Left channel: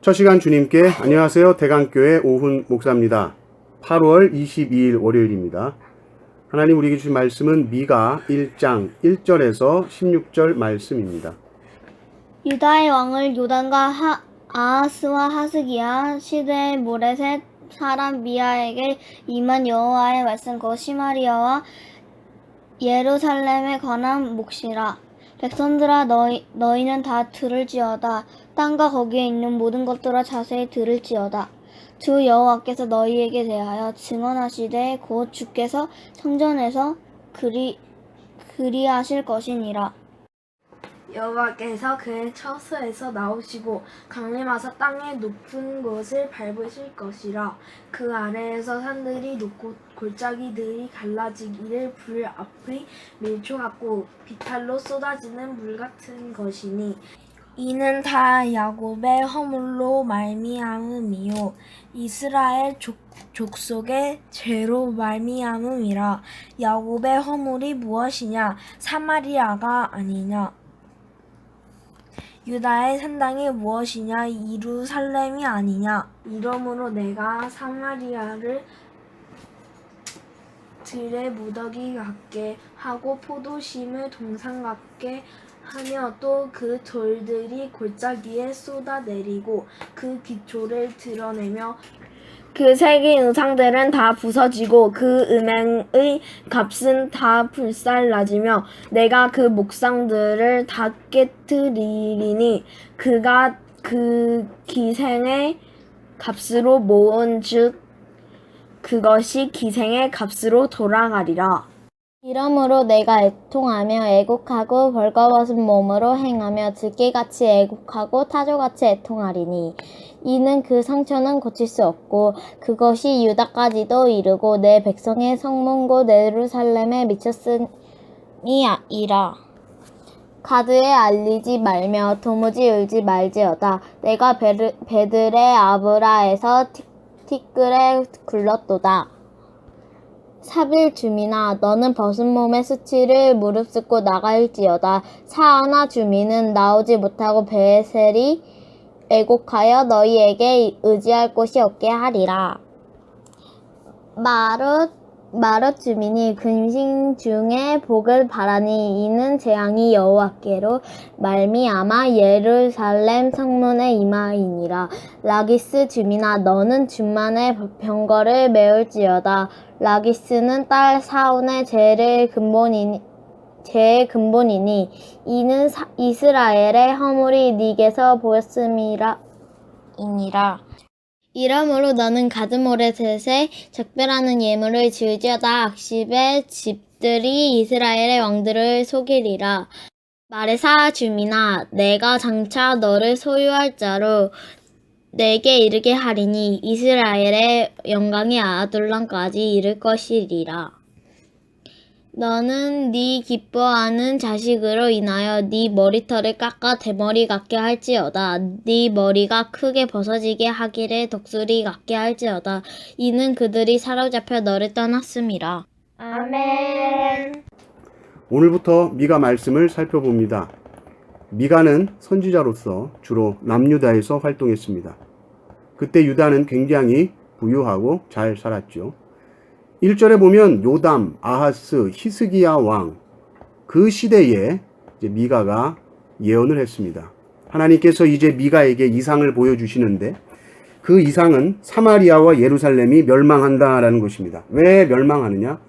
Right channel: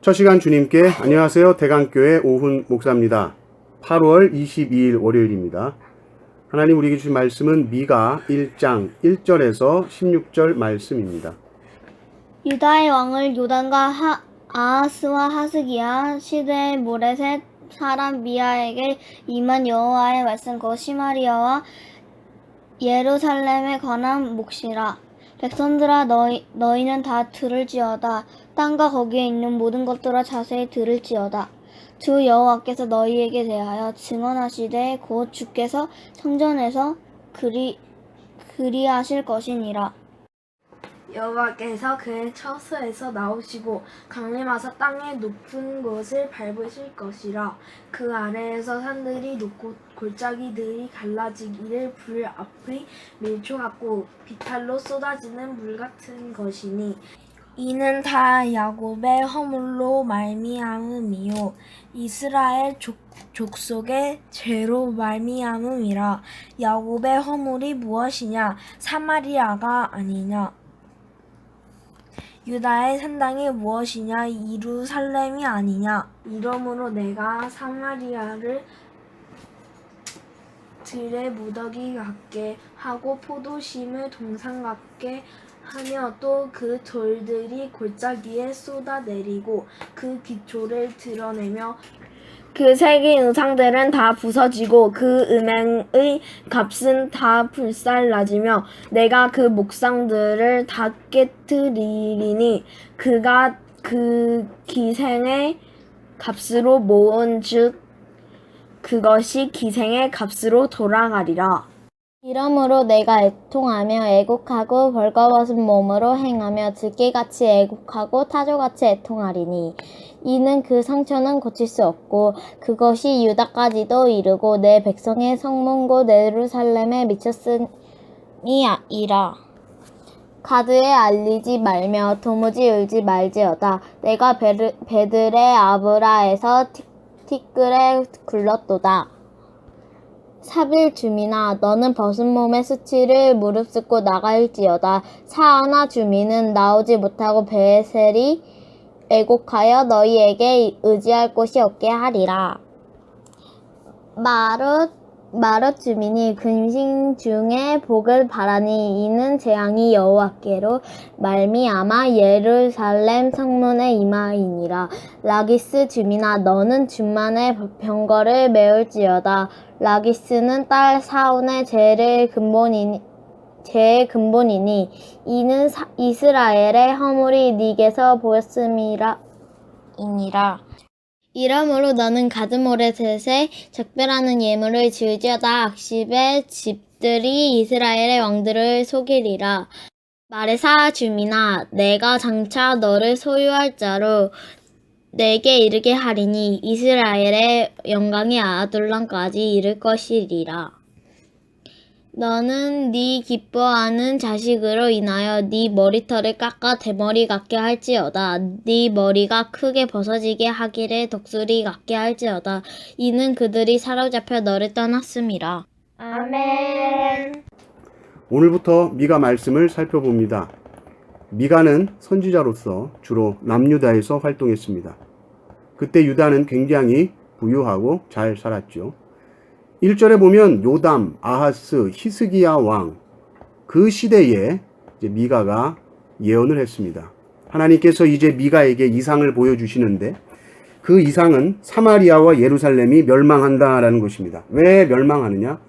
첫 시간 주님께 안녕하세요. 대강교회 오훈 목사입니다. 8월 22일 월요일입니다. 하나님 우리에게 주신 말씀은 미가 1장 1절에서 16절 말씀입니다. 유다의 왕을 요단과 아하스와 하스기야 시대의 모레셋 사람 미아에게 임한 여호와의 말씀 곧 시마리아와 예루살렘에 관한 몫이라. 백성들아 너희는 다 들을지어다. 땅과 거기에 있는 모든 것들아 자세히 들을지어다. 주 여호와께서 너희에게 대하여 증언하시되 곧 주께서 성전에서 그리하실 것이니라. 여호와께서 그의 처소에서 나오시고 강림하사 땅의 높은 곳을 밟으실 것이라. 그 아래에서 산들이 높고 골짜기들이 갈라지기를 불 앞의 밀초 같고 비탈로 쏟아지는 물 같은 것이니 이는 다 야곱의 허물로 말미암음이요 이스라엘 족속의 죄로 말미암음이라. 야곱의 허물이 무엇이냐? 사마리아가 아니냐? 유다의 산당이 무엇이냐? 예루살렘이 아니냐? 이러므로 내가 사마리아를 들의 무더기 같게 하고 포도심을 동산 같게 하며 또 그 돌들이 골짜기에 쏟아내리고 그 기초를 드러내며 그 새긴 우상들은 다 부서지고 그 은행의 값은 다 불살라지며 내가 그 목상들을 다 깨뜨리리니 그가 그 기생의 값으로 모은 즉 그것이 기생의 값으로 돌아가리라. 이러므로 내가 애통하며 애곡하고 벌거벗은 몸으로 행하며 들깨같이 애곡하고 타조같이 애통하리니 이는 그 상처는 고칠 수 없고 그것이 유다까지도 이르고 내 백성의 성문 곧 예루살렘에 미쳤으니이라. 가드에 알리지 말며 도무지 울지 말지어다. 내가 베들의 아브라에서 티끌에 굴렀도다. 사빌 주민아 너는 벗은 몸의 수치를 무릅쓰고 나갈지어다. 사하나 주민은 나오지 못하고 베셀이 애곡하여 너희에게 의지할 곳이 없게 하리라. 마롯 주민이 근심 중에 복을 바라니 이는 재앙이 여호와께로 말미암아 예루살렘 성문에 임하이니라. 라기스 주민아 너는 준만의 병거를 메울지어다. 라기스는 딸 사온의 죄의 근본이니 이는 이스라엘의 허물이 네게서 보였음이니라. 이러므로 너는 가드모레셋에 작별하는 예물을 지을지어다. 악십의 집들이 이스라엘의 왕들을 속이리라. 마레사 주민아 내가 장차 너를 소유할 자로 내게 이르게 하리니 이스라엘의 영광이 아둘람까지 이를 것이리라. 너는 네 기뻐하는 자식으로 인하여 네 머리털을 깎아 대머리 같게 할지어다. 네 머리가 크게 벗어지게 하기를 독수리 같게 할지어다. 이는 그들이 사로잡혀 너를 떠났음이라. 아멘. 오늘부터 미가 말씀을 살펴봅니다. 미가는 선지자로서 주로 남유다에서 활동했습니다. 그때 유다는 굉장히 부유하고 잘 살았죠. 1절에 보면 요담, 아하스, 히스기야 왕 그 시대에 이제 미가가 예언을 했습니다. 하나님께서 이제 미가에게 이상을 보여주시는데 그 이상은 사마리아와 예루살렘이 멸망한다라는 것입니다. 왜 멸망하느냐?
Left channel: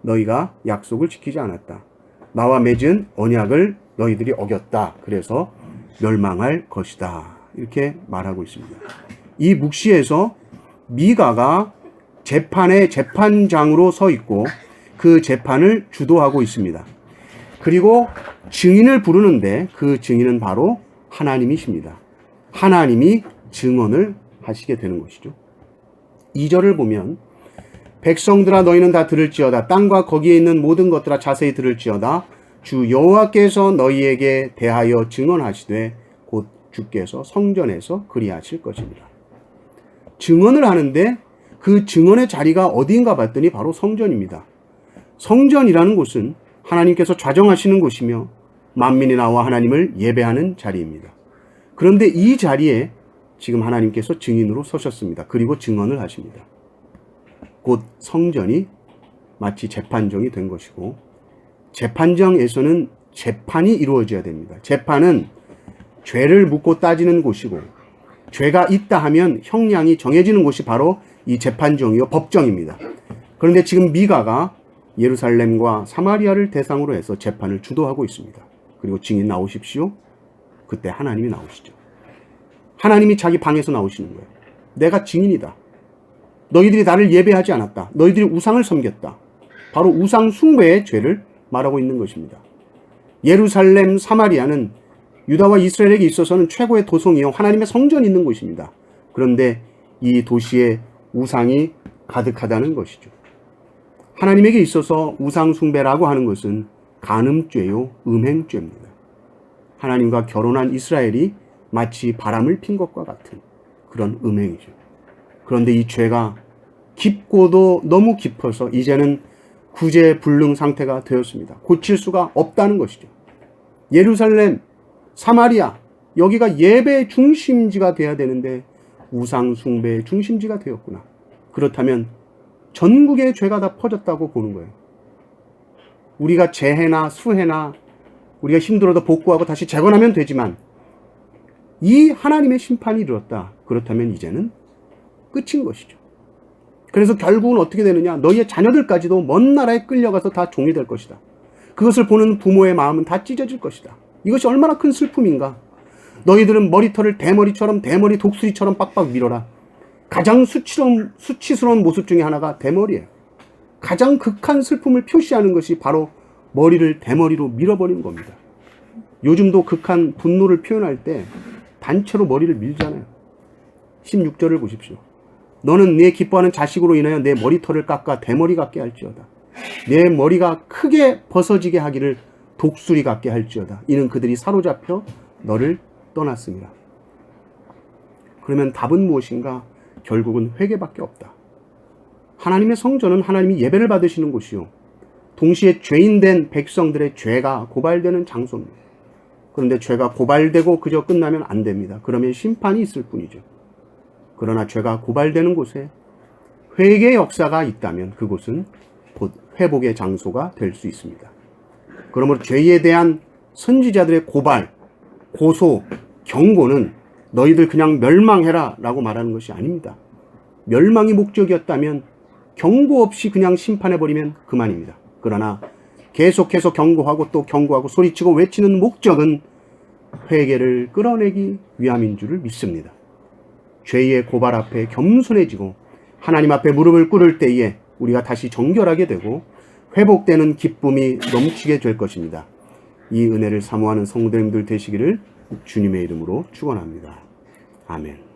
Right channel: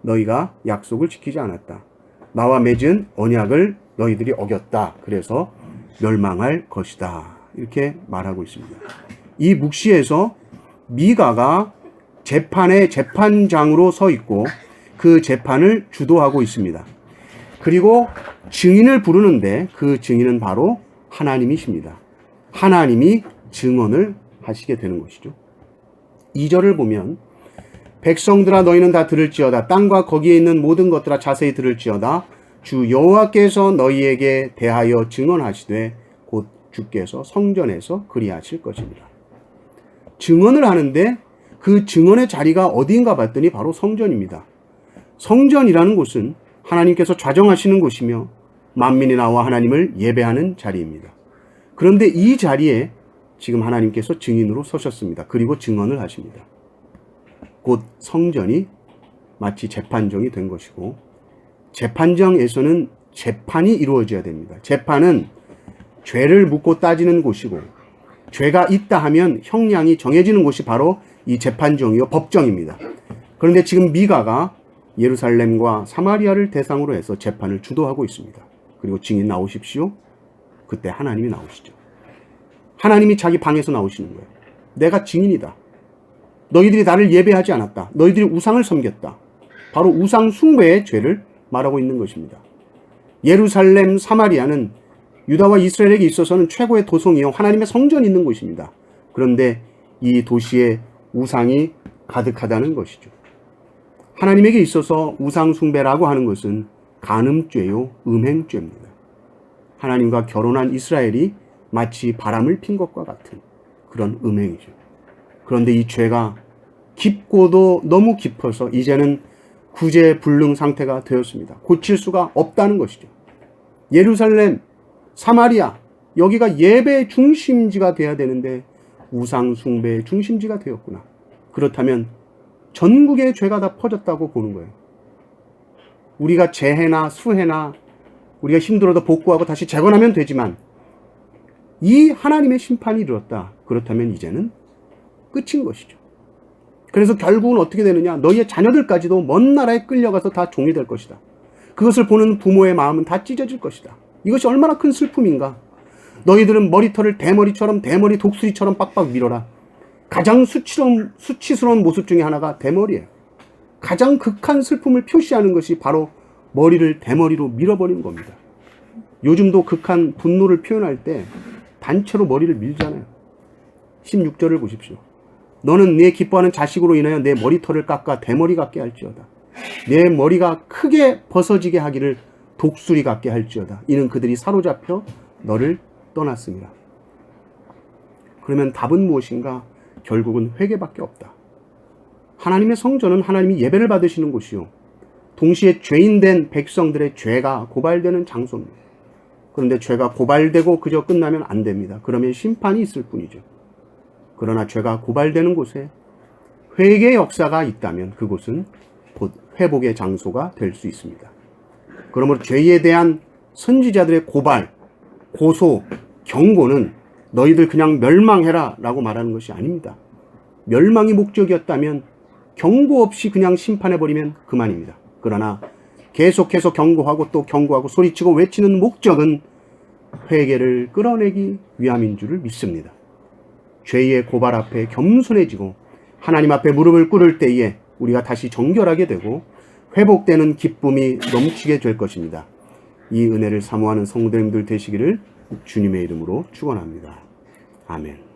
너희가 약속을 지키지 않았다. 나와 맺은 언약을 너희들이 어겼다. 그래서 멸망할 것이다. 이렇게 말하고 있습니다. 이 묵시에서 미가가 재판의 재판장으로 서 있고 그 재판을 주도하고 있습니다. 그리고 증인을 부르는데 그 증인은 바로 하나님이십니다. 하나님이 증언을 하시게 되는 것이죠. 2절을 보면 백성들아 너희는 다 들을지어다. 땅과 거기에 있는 모든 것들아 자세히 들을지어다. 주 여호와께서 너희에게 대하여 증언하시되 곧 주께서 성전에서 그리하실 것입니다. 증언을 하는데 그 증언의 자리가 어디인가 봤더니 바로 성전입니다. 성전이라는 곳은 하나님께서 좌정하시는 곳이며 만민이 나와 하나님을 예배하는 자리입니다. 그런데 이 자리에 지금 하나님께서 증인으로 서셨습니다. 그리고 증언을 하십니다. 곧 성전이 마치 재판정이 된 것이고, 재판정에서는 재판이 이루어져야 됩니다. 재판은 죄를 묻고 따지는 곳이고, 죄가 있다 하면 형량이 정해지는 곳이 바로 이 재판정이요 법정입니다. 그런데 지금 미가가 예루살렘과 사마리아를 대상으로 해서 재판을 주도하고 있습니다. 그리고 증인 나오십시오. 그때 하나님이 나오시죠. 하나님이 자기 방에서 나오시는 거예요. 내가 증인이다. 너희들이 나를 예배하지 않았다. 너희들이 우상을 섬겼다. 바로 우상 숭배의 죄를 말하고 있는 것입니다. 예루살렘, 사마리아는 유다와 이스라엘에게 있어서는 최고의 도성이요 하나님의 성전이 있는 곳입니다. 그런데 이 도시에 우상이 가득하다는 것이죠. 하나님에게 있어서 우상 숭배라고 하는 것은 간음죄요 음행죄입니다. 하나님과 결혼한 이스라엘이 마치 바람을 핀 것과 같은 그런 음행이죠. 그런데 이 죄가 깊고도 너무 깊어서 이제는 구제불능 상태가 되었습니다. 고칠 수가 없다는 것이죠. 예루살렘, 사마리아, 여기가 예배의 중심지가 돼야 되는데 우상 숭배의 중심지가 되었구나. 그렇다면 전국의 죄가 다 퍼졌다고 보는 거예요. 우리가 재해나 수해나 우리가 힘들어도 복구하고 다시 재건하면 되지만 이 하나님의 심판이 이르렀다. 그렇다면 이제는 끝인 것이죠. 그래서 결국은 어떻게 되느냐? 너희의 자녀들까지도 먼 나라에 끌려가서 다 종이 될 것이다. 그것을 보는 부모의 마음은 다 찢어질 것이다. 이것이 얼마나 큰 슬픔인가? 너희들은 머리털을 대머리 독수리처럼 빡빡 밀어라. 가장 수치스러운 모습 중에 하나가 대머리예요. 가장 극한 슬픔을 표시하는 것이 바로 머리를 대머리로 밀어버리는 겁니다. 요즘도 극한 분노를 표현할 때 단체로 머리를 밀잖아요. 16절을 보십시오. 너는 내 기뻐하는 자식으로 인하여 내 머리털을 깎아 대머리 같게 할지어다. 내 머리가 크게 벗어지게 하기를 독수리 같게 할지어다. 이는 그들이 사로잡혀 너를 떠났습니다. 그러면 답은 무엇인가? 결국은 회개밖에 없다. 하나님의 성전은 하나님이 예배를 받으시는 곳이요 동시에 죄인된 백성들의 죄가 고발되는 장소입니다. 그런데 죄가 고발되고 그저 끝나면 안 됩니다. 그러면 심판이 있을 뿐이죠. 그러나 죄가 고발되는 곳에 회개의 역사가 있다면 그곳은 곧 회복의 장소가 될 수 있습니다. 그러므로 죄에 대한 선지자들의 고발, 고소, 경고는 너희들 그냥 멸망해라 라고 말하는 것이 아닙니다. 멸망이 목적이었다면 경고 없이 그냥 심판해버리면 그만입니다. 그러나 계속해서 경고하고 또 경고하고 소리치고 외치는 목적은 회개를 끌어내기 위함인 줄을 믿습니다. 죄의 고발 앞에 겸손해지고 하나님 앞에 무릎을 꿇을 때에 우리가 다시 정결하게 되고 회복되는 기쁨이 넘치게 될 것입니다. 이 은혜를 사모하는 성도님들 되시기를 주님의 이름으로 축원합니다. 아멘.